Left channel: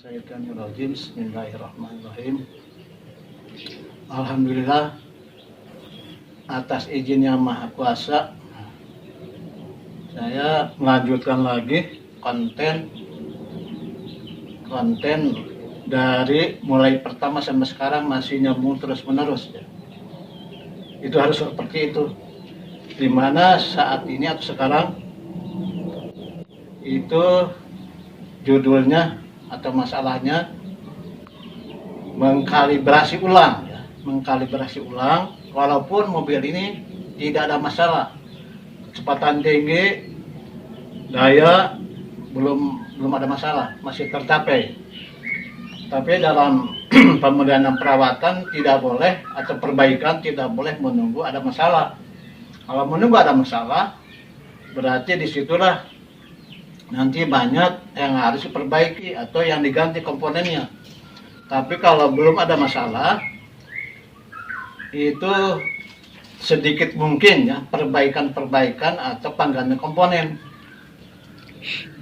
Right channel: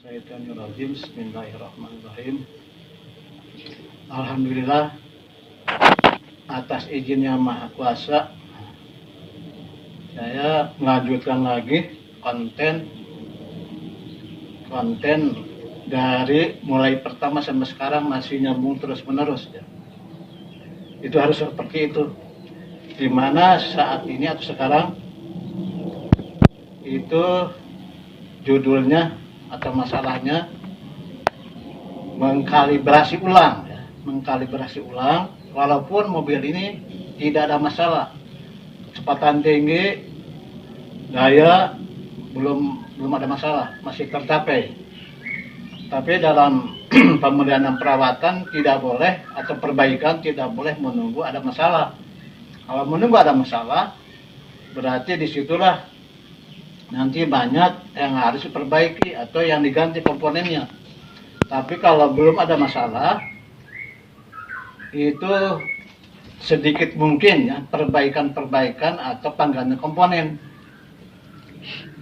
Bismillahirrahmanirrahim. Bismillahirrahmanirrahim. Alhamdulillah atas izin Yang Maha Kuasa, saya melanjutkan lagi konten dari mulai pertama sampai sekarang masih nyambung terus menerus ya. Itu harus seperti itu, dimana saat ini atau sekarang itu judulnya atau masalahnya mengkalibrasi ulang ya. Mengkalibrasi ulang walaupun mobil ini tidak ada masalah, kecepatan tinggi, daya belum ada masalah, masih tercapai. Tapi dalam pemulihan dan perawatan tidak boleh, atau perbaikan tidak boleh menunggu ada masalah. Kalau menunggu ada masalah, berarti disitulah nanti banyak yang harus diperbaiki atau yang diganti komponennya. Tapi kalau belum ada masalah, itu sedikit mungkin ya perbaikan atau penggantian komponen.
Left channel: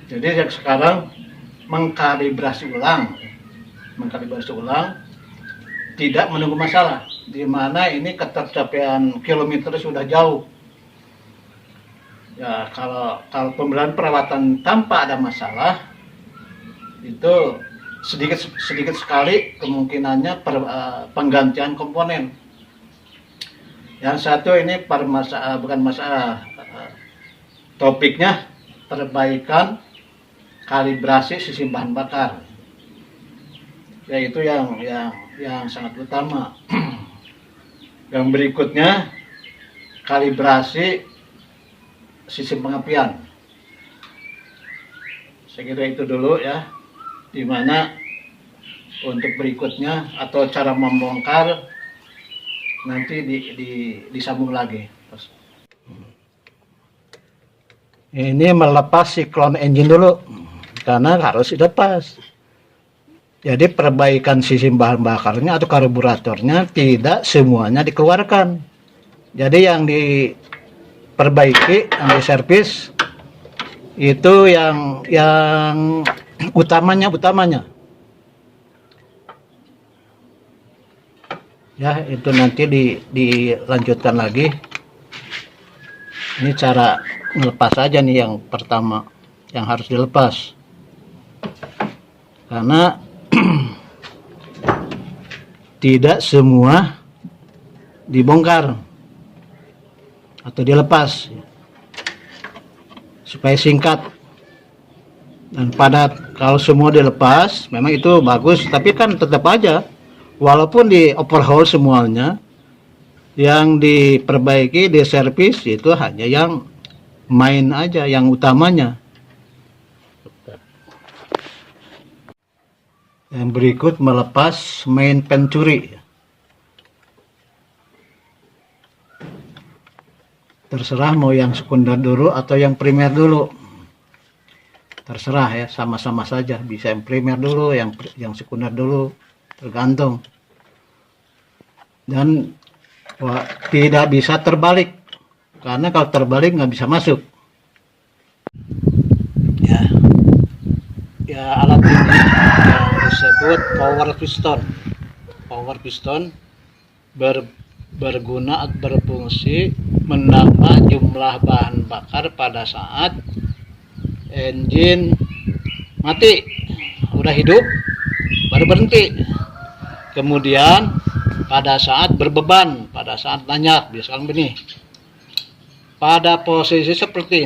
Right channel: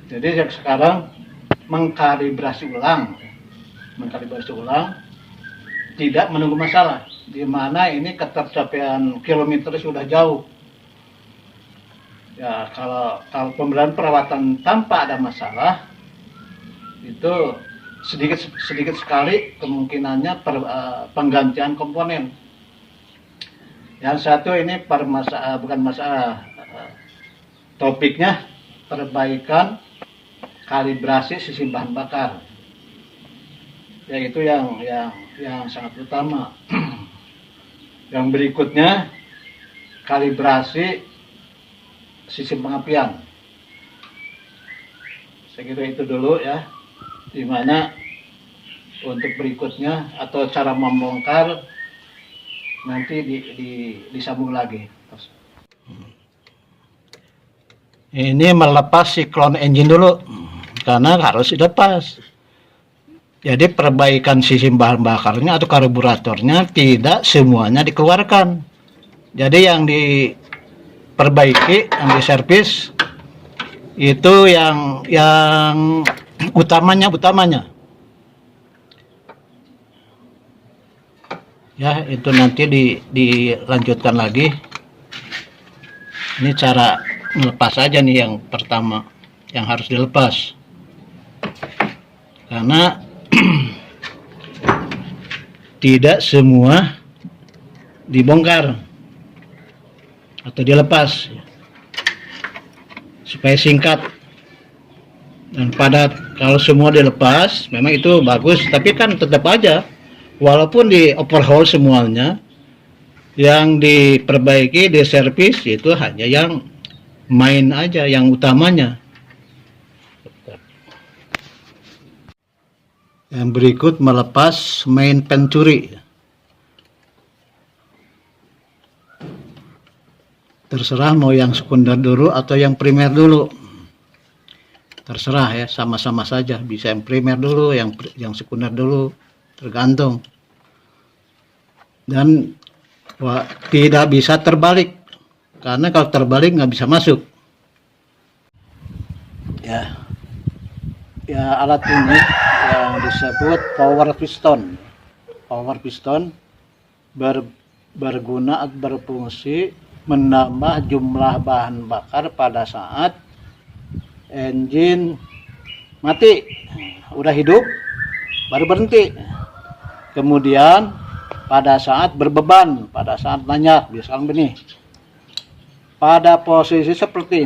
Jadi yang sekarang mengkalibrasi ulang, tidak menunggu masalah, di mana ini ketercapaian kilometer sudah jauh. Ya, kalau pembelian perawatan tanpa ada masalah, itu sedikit sekali kemungkinannya penggantian komponen. Yang satu ini bukan masalah, topiknya perbaikan kalibrasi sistem bahan bakar. Yaitu yang sangat utama. Yang berikutnya kalibrasi sistem pengapian. Saya kira itu dulu ya, dimana untuk berikutnya atau cara membongkar nanti disambung lagi. Ini melepas siklon engine dulu, karena harus dilepas. Jadi perbaikan sistem bahan bakarnya atau karburatornya tidak semuanya dikeluarkan. Jadi yang diperbaiki, yang diservis itu yang utamanya ya, itu nanti dilanjutkan lagi. Ini cara melepas aja nih, yang pertama yang harus dilepas, karena tidak semua dibongkar atau dilepas, supaya singkat dan padat. Kalau semua dilepas memang itu bagus, tapi kan tetap aja walaupun di overhaul semuanya, yang diperbaiki, diservis itu hanya yang main aja, yang utamanya. Yang berikut melepas main pencuri. Terserah mau yang sekunder dulu atau yang primer dulu. Terserah ya, sama-sama saja. Bisa yang primer dulu, yang sekunder dulu, tergantung. Dan tidak bisa terbalik, karena kalau terbalik nggak bisa masuk. Ya alat ini yang disebut power piston berguna atau berfungsi menambah jumlah bahan bakar pada saat engine mati, udah hidup baru berhenti. Kemudian pada saat berbeban, pada saat nanjak, misalkan begini, pada posisi seperti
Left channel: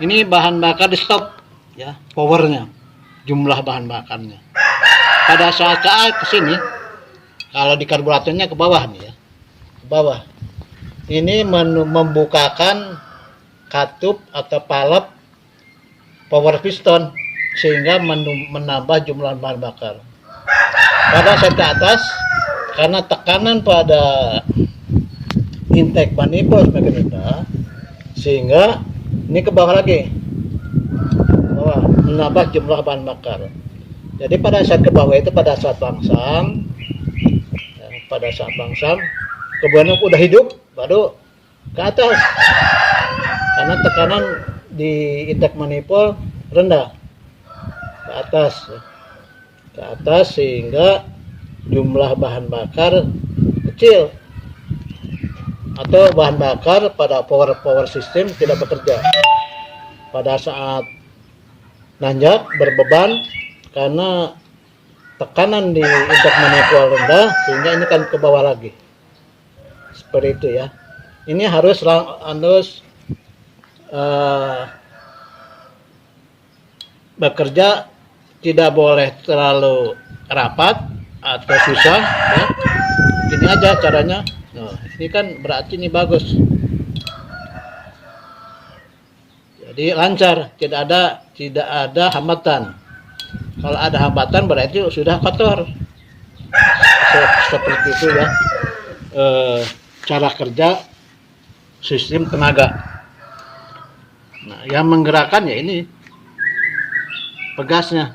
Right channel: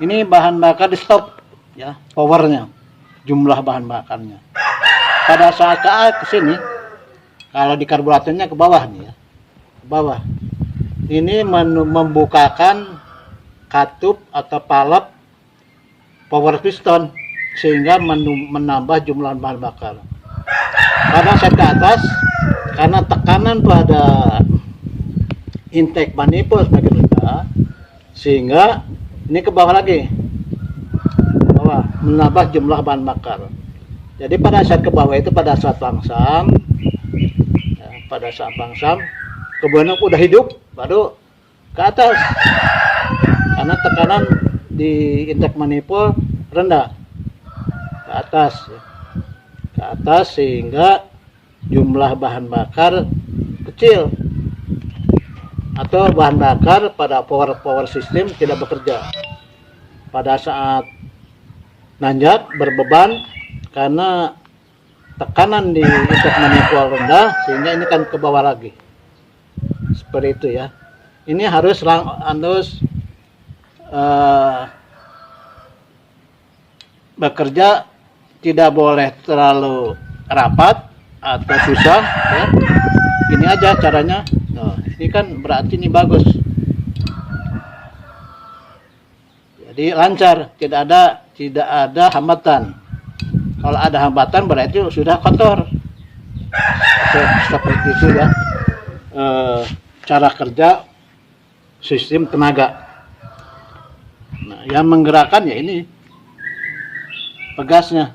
ini bahan bakar di stop ya, powernya, jumlah bahan bakarnya. Pada saat ke sini, kalau di karburatornya ke bawah nih ya, ke bawah. Ini membukakan katup atau palep power piston, sehingga menambah jumlah bahan bakar. Pada saat ke atas, karena tekanan pada intake manifold semakin rendah, sehingga ini ke bawah lagi, menambah jumlah bahan bakar. Jadi pada saat ke bawah itu pada saat langsam, kemudian udah hidup baru ke atas, karena tekanan di intake manifold rendah. atas ya. Ke atas sehingga jumlah bahan bakar kecil atau bahan bakar pada power system tidak bekerja pada saat nanjak berbeban karena tekanan di intake manifold rendah, sehingga ini kan ke bawah lagi seperti itu ya. Ini harus bekerja, tidak boleh terlalu rapat atau susah ya. Gini aja caranya. Nah, ini kan berarti ini bagus, jadi lancar, tidak ada hambatan. Kalau ada hambatan berarti sudah kotor. Seperti itu ya cara kerja sistem tenaga. Nah, yang menggerakkan ya ini pegasnya.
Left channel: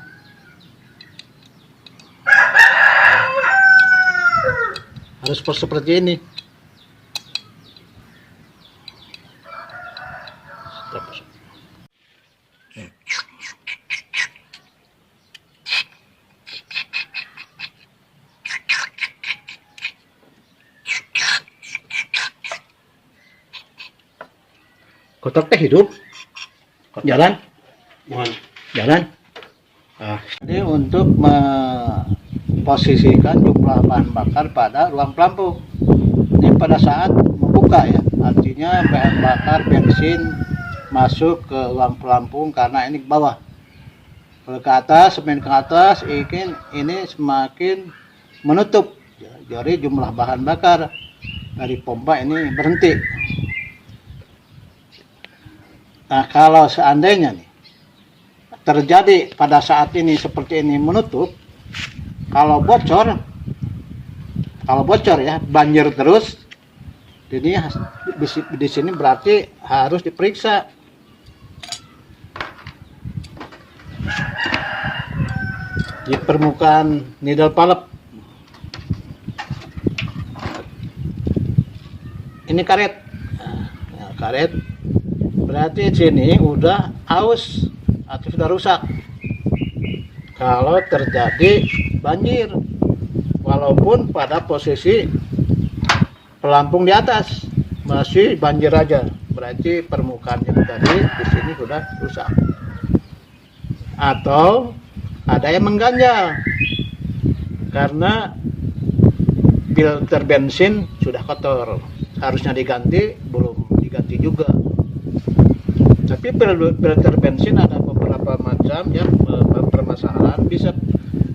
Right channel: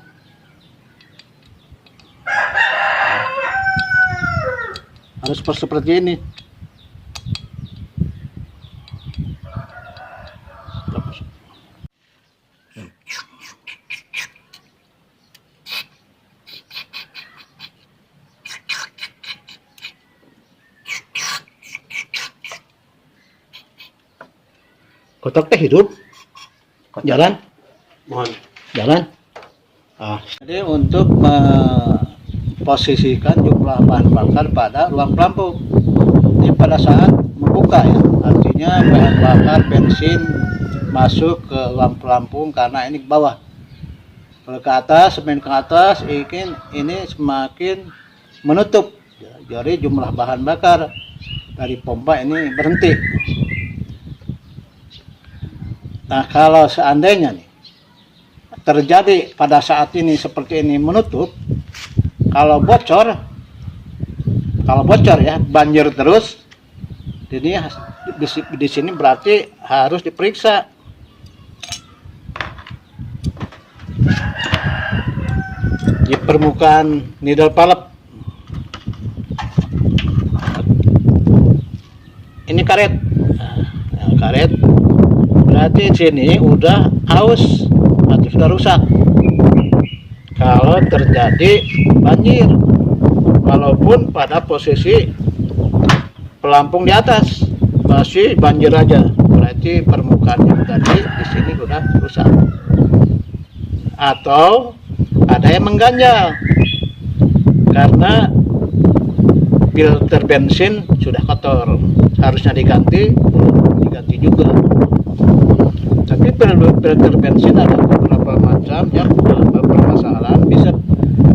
Harus seperti ini. Kotak teh hidup, jalan, jalan. Jadi untuk memposisikan jumlah bahan bakar pada ruang pelampung, ini pada saat membuka ya, artinya bahan bakar bensin masuk ke ruang pelampung karena ini ke bawah. Kalau ke atas, semakin ke atas, ini semakin menutup. Jadi jumlah bahan bakar dari pompa ini berhenti. Nah, kalau seandainya nih terjadi pada saat ini seperti ini menutup, kalau bocor ya, banjir terus, ini di sini berarti harus diperiksa. Di permukaan needle valve. Ini karet. Nah, karet. Berarti sini udah aus atau sudah rusak. Kalau terjadi banjir, walaupun pada posisi pelampung di atas masih banjir aja, berarti permukaannya tadi di sini udah rusak. Atau ada yang mengganjal karena filter bensin sudah kotor, harusnya diganti, belum diganti juga. Tapi filter bensin ada beberapa macam yang bermasalah. Bisa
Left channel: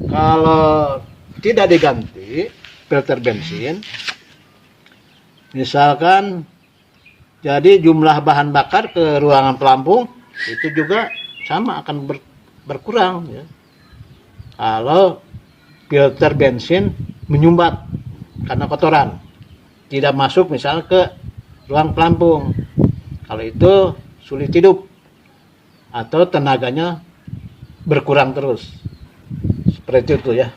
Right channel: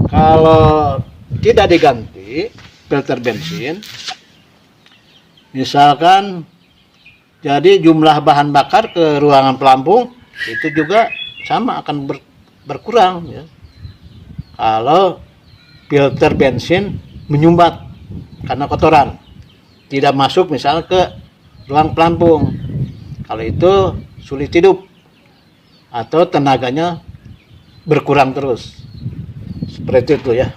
kalau tidak diganti filter bensin, misalkan jadi jumlah bahan bakar ke ruangan pelampung itu juga sama akan berkurang ya. Kalau filter bensin menyumbat karena kotoran, tidak masuk misal ke ruang pelampung, kalau itu sulit hidup atau tenaganya berkurang terus, seperti itu ya.